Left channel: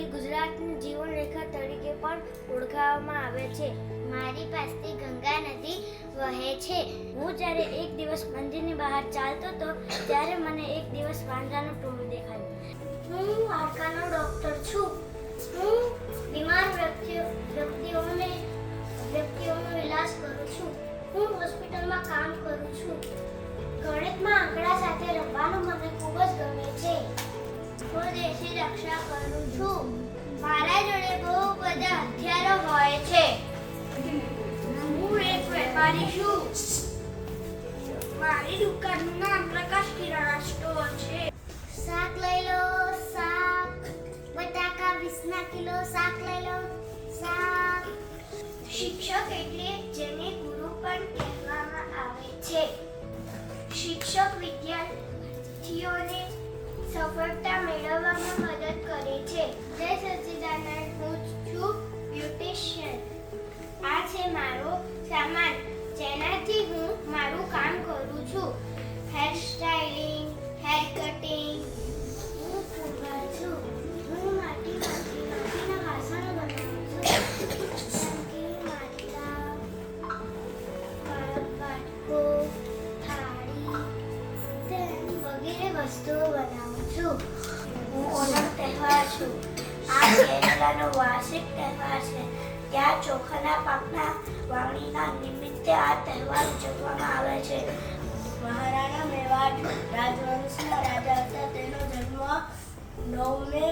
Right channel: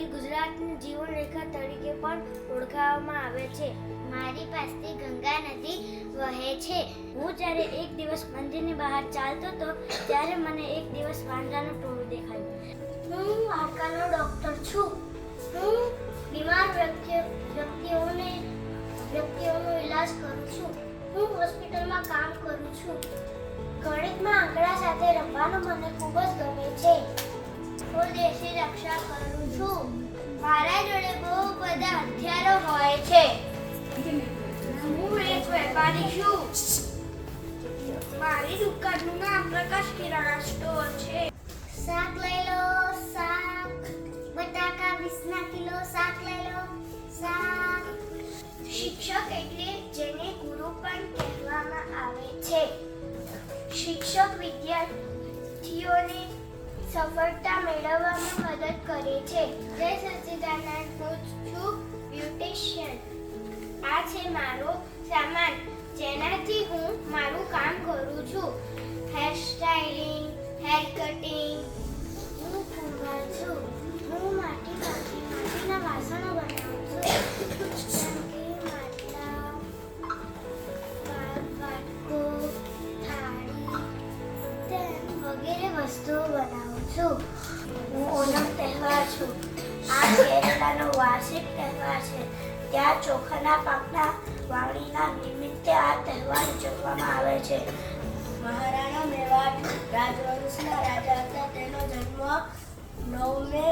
ગુજરાતની જીવનરેખા તરીકે પણ ઓળખાવવામાં આવે છે. મારી પાસેથી ગંગા નદી વહે છે. હું જ્યારે એક દિવસ મંદિરની બહાર ચાલતો હતો, ત્યારે મને એક દિવસ વાંદરાનું ટોળું દેખાયું. હું હાડકાનો ડૉક્ટર છું. હું બીમાર વ્યક્તિ, વ્યક્તિઓને, વ્યક્તિઓનો ઇલાજ કરું છું. હું હોસ્પિટલમાં કામ કરું છું. ગણિતમાં આંકડા સાથે રમવાનું મને ખૂબ જ ગમે છે. દેશની રક્ષા કરું છું. મારા જોડે બહુ બધા હથિયારો હોય છે. હું એક વેપારી છું. મારી દુકાનનું નામ પ્રકાશ કિરાણા સ્ટોર છે. શાક લઈ લો, શાક. બટાકા વીસના કિલો શાક લઈ લો, શાક. શિક્ષક એટલે જેને ગુરુ પણ કહેવામાં આવે છે. શિક્ષક વિદ્યાર્થીઓને સફળતા મેળવવામાં મદદ કરે છે. જય સચ્ચિદાનંદ હું છું બ્યુટિશિયન. આ છે મારો સામાન, જેનાથી હું મારું કામ કરું છું. હેર સ્ટાઇલિંગ હેર કટિંગ હું કુંભાર છું. હું માટીમાંથી માટીના વાસણો બનાવું છું. વસ્તુઓ બનાવું છું. હું ઓણમ તહેવાર છું. આ કેરલાનો વાર્ષિક તહેવાર છે. ત્યાં ચોખાના પાકના વાવણીના નિમિત્તે આ તહેવાર ઉજવવામાં આવે છે. મહારાણા મેવાડ રાજવંશના રાજા હતા. તેનો જન્મ નવ મે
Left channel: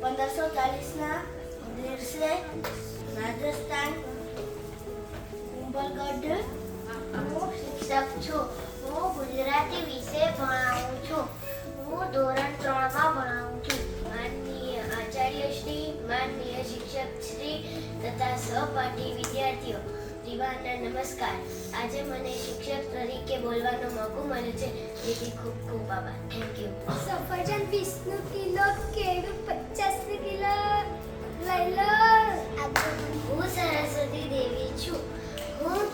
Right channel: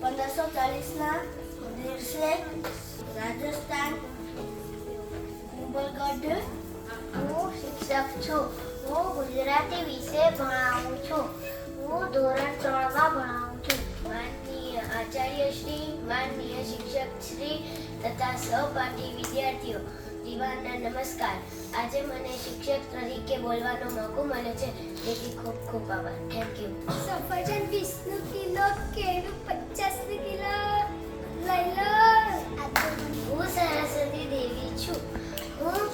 પંદરસો ચાલીસના દિવસે રાજસ્થાન કુંભલગઢ હું શિક્ષક છું. હું ગુજરાતી વિશે ભણાવું ધોરણ ત્રણમાં ભણાવું છું. માનનીય આચાર્ય શ્રી માનનીય શિક્ષક શ્રી તથા સહપાઠી વિદ્યાર્થીઓ દીવાના નમસ્કાર. આજે મને શિક્ષક તરીકે બોલવાનો મોકો મળ્યો છે. તેથી ખૂબ ખૂબ આભાર. થેન્ક યુ સફરજન વીસનું કિલો કેળું પચાસ કિલો. લઈ લો. હું સરસ્વતી દેવી છું. હું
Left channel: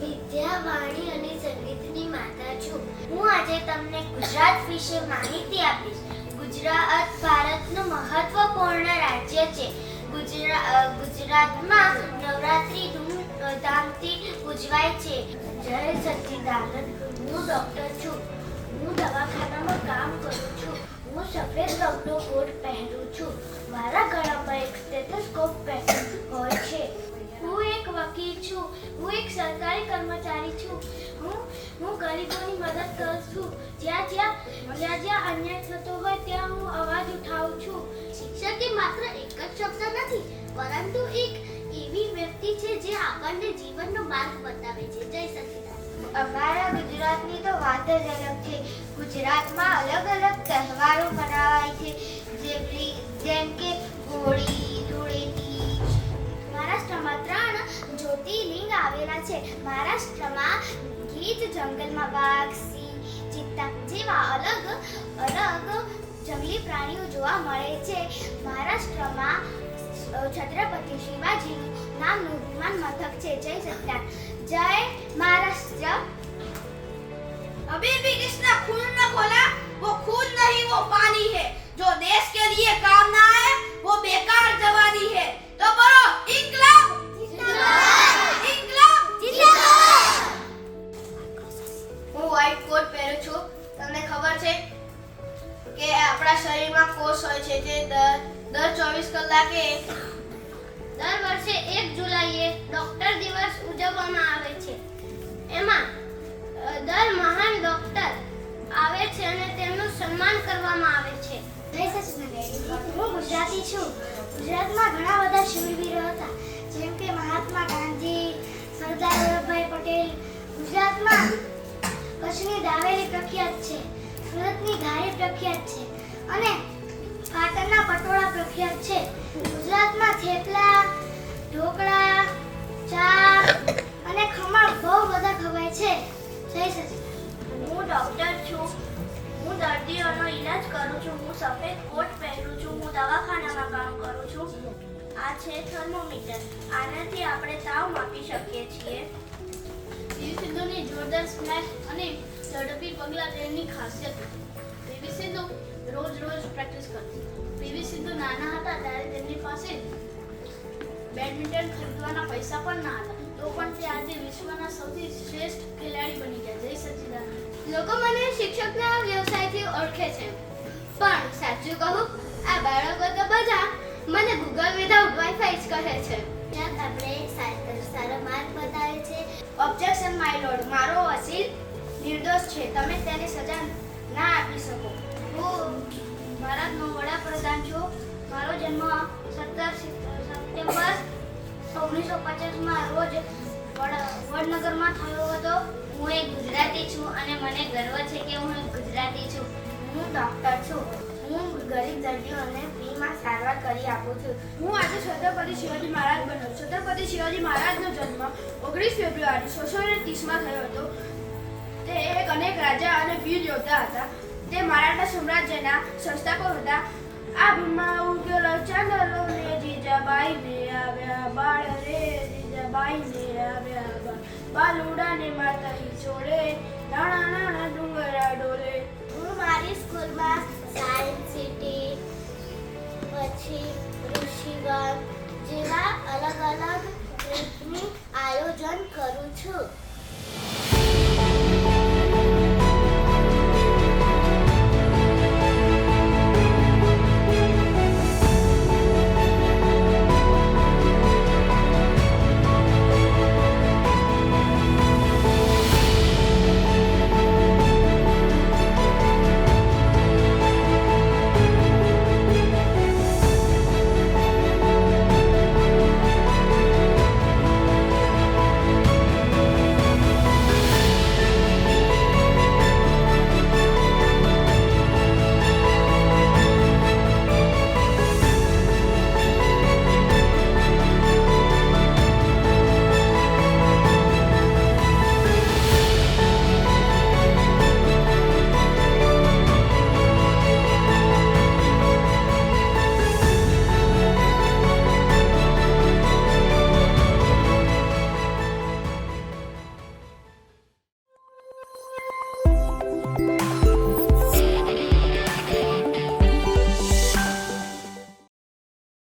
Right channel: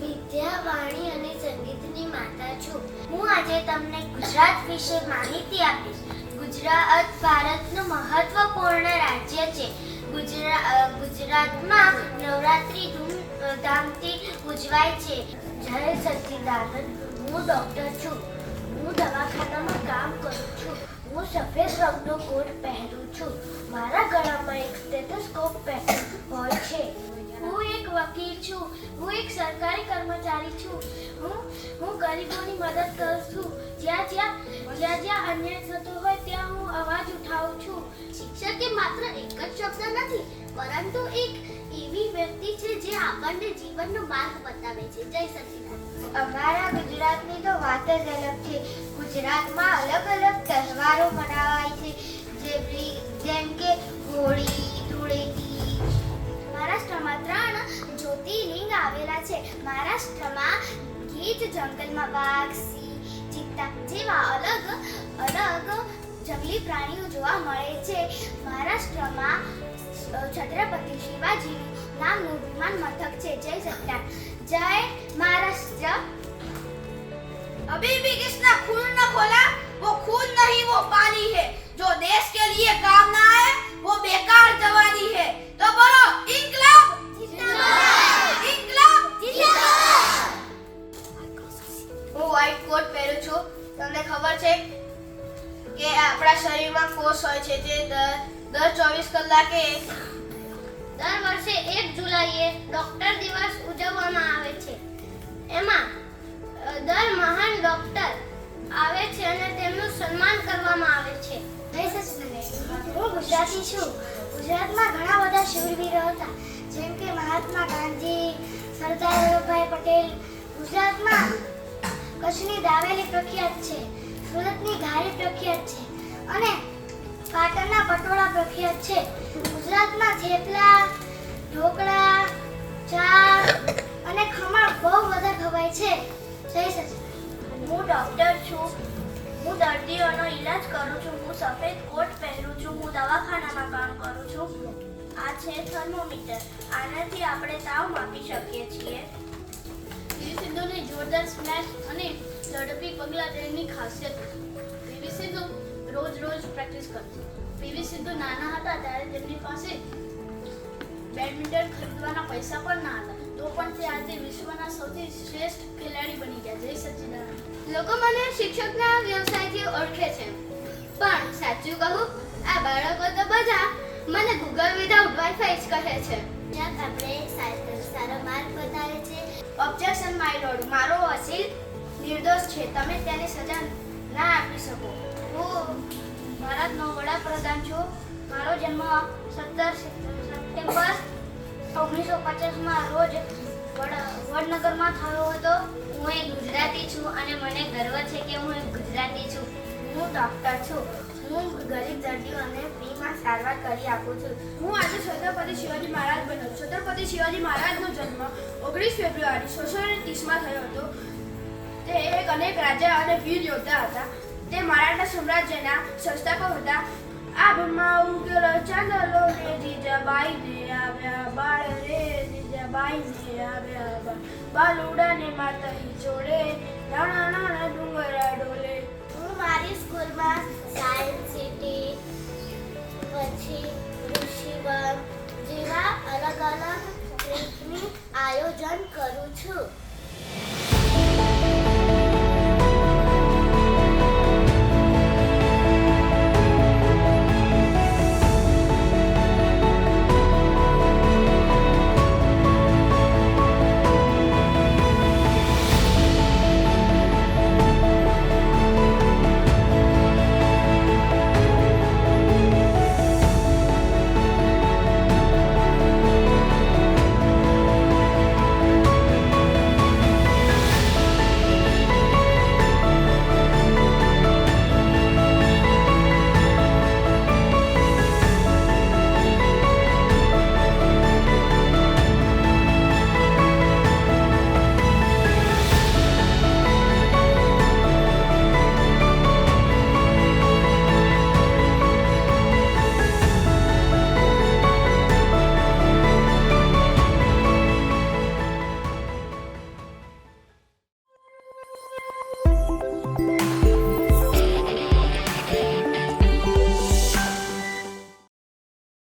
વિદ્યા વાણી અને સંગીતની માતા છું. હું આજે તમને ગુજરાત વિશે માહિતી આપીશ. ગુજરાત ભારતનું મહત્વપૂર્ણ રાજ્ય છે. ગુજરાતમાં નવરાત્રી ધૂમધામથી ઉજવાય છે. જય સચ્ચિદાનંદ હું ડૉક્ટર છું. હું દવાખાનામાં કામ કરું છું. હું સફેદ રંગનો કોટ પહેરું છું. મારા ગળામાં એક સ્ટેથોસ્કોપ હોય છે. હું એક વકીલ છું. હું એક સરકારી કર્મચારી છું. હું હું ગરીબોની મદદ કરું છું. જ્યાં જ્યાં જ્યાં જ્યાં અન્યાય થતો હોય, ત્યાં હું અવાજ ઉઠાવું છું. શિક્ષક માત્ર એક જ શબ્દ નથી, પરંતુ એક એવી વ્યક્તિ છે જે આપણને જીવનનો માર્ગ બતાવે છે. જય સચિદાન અમારા ગુજરાતની તો વાત જ અલગ છે. ગુજરાતમાં અલગ અલગ તહેવારો મનાવાય છે. જેમ કે હોળી, ધૂળેટી મહારાષ્ટ્રમાં ત્રણ જ્યોતિર્લિંગ આવેલા છે મહારાષ્ટ્રમાં ગીચ જંગલમાં વાઘ સિંહ ચિત્તા જેવા અલગ અલગ જંગલી પ્રાણીઓ જોવા મળે છે મહારાષ્ટ્રમાં અ, છત્રપતિ શિવાજીનું નામનું વિમાન મથક છે જય સત્યાન જય મહારાષ્ટ્ર अभी भी किसने खून न खोला वो खून नहीं वो पानी है जो देश के लिए काम ना હું વ્હાઈટ કોટ પહેરું છું. તમને ખબર છે કે આપણા શરીરમાં કોષ હોય છે જે દર દર ચોવીસ કલાકે દર વર્ષે એક જુલાઈએ ડોક્ટર દિવસ ઉજવવામાં આવે છે. એમાં દર મહાન ડોક્ટર આવે છે અને તેમનું સન્માન કરવામાં આવે છે. હું ગુજરાતી છું. ગુજરાતમાં ઘણા બધા શૂરવીરો હતા. જેમ કે મહાત્મા ગાંધી, સરદાર વલ્લભભાઈ પટેલ કચ્છની દાવેલી પ્રખ્યાત છે સુરતની ઘારી પ્રખ્યાત છે અને પાટણના પટોળા પ્રખ્યાત છે. ગુજરાતમાં થેપલા ઢોકળા ચા અને ખમણ બહુ બધા ખવાય છે. જય સચિન હું ડૉક્ટર છું. હું દર્દીઓનો ઈલાજ કરું છું. હું સફેદ કોટ પહેરું છું. હું દવાખાનામાં કામ કરું છું. આ છે થર્મોમીટર. આનાથી આપણે તાવ માપી શકીએ છીએ. સિંધુની જોરદાર સ્મેશ અને ઝડપી પગલા તેની ખાસિયત હતી. પીવી સિંધુ રોજ રોજ પ્રેક્ટિસ કરતી. પીવી સિંધુ નાના હતા ત્યારે તેમની પાસે બેડમિન્ટન ખરીદવાના પૈસા પણ ના હતા. તો પણ તે આજે વિશ્વના સૌથી શ્રેષ્ઠ ખેલાડી બની ગયા. જય સચ્ચિદાનંદ લોકો મને શિક્ષકના વ્યવસાયથી ઓળખે છે. પણ સાચું કહું આ બાળકો તો બધા મને ગૂગલ વિધાઉટ વાઈફાઈ જ કહે છે. આપણે સારો માર્ગ બતાવે છે. ઓબ્જેક્શન માય લોર્ડ મારો વસીલ નિર્દોષ છે. તમે તેને સજા ના આપી શકો. હું ભારતનો વડાપ્રધાન છું. મારો જન્મ સત્તર સપ્ટેમ્બર ઓગણીસો પચાસમાં રોજ વડ- વડનગરમાં થયો હતો. હું એક ગુજરાતી છું અને મને ગર્વ છે કે હું એક ગુજરાતી છું. હું ડૉક્ટર છું. હું ગરીબ દર્દીઓને ફ્રીમાં સારવાર કરી આપું છું. હું આજે છત્રપતિ શિવાજી મહારાજ બન્યો છત્રપતિ શિવાજી મહારાજનો જન્મ ઓગણીસ ફેબ્રુઆરી સોળસો ને ત્રીસમાં થયો હતો. તે એક અનેક રાજા અને વીર યોદ્ધા હતા. તે મરાઠા સામ્રાજ્યના સંસ્થાપક હતા. આ ભૂલમાં ઉગેલો ચાંદલો ને જીજાબાઈ ને આવ્યા બાળ રે, જીજાબાઈ ને આવ્યા બાળ. બાલુડા ને માતા ચોળે નાના નાણા ડુંગરા ડોલે. હું મારી સ્કૂલમાં સાયન્સ સિટી, પછી ઋષિવન જેવા અલગ અલગ ટ્રીપની આયોજન કરું છું.